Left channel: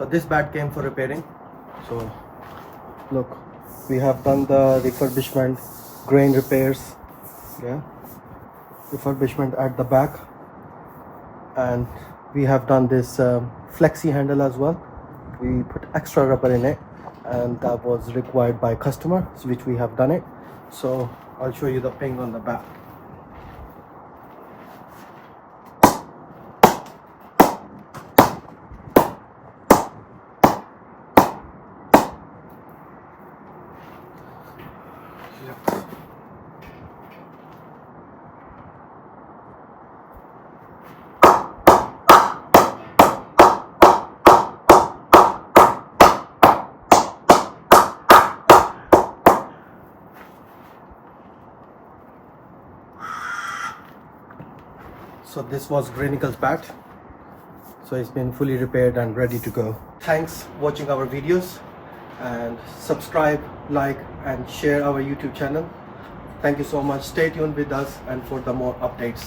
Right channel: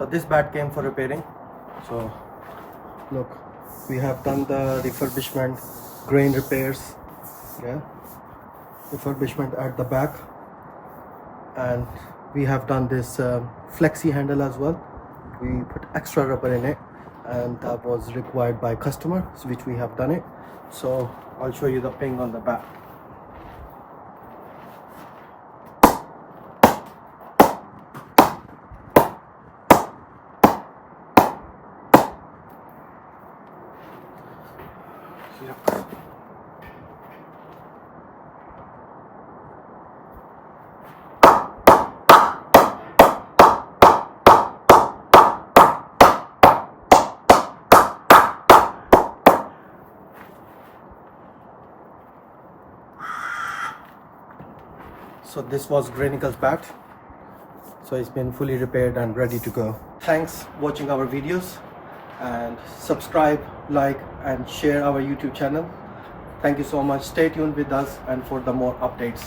So this bat came for repairing. So look, we have done the refurbishment, grain repairs, yeah, refurbishment at the back, and we have done this flexi handle as well. We put extra rubber in it, and that was required by customer, which we have done it. So I'll show you the ping on the back. Look. So this was Grainicle's bat. So it's been fully repaired and ready to go. Thanks for watching our videos, and subscribe, like and share our YouTube channel. Thank you so much. Stay tuned with us and for the more updates.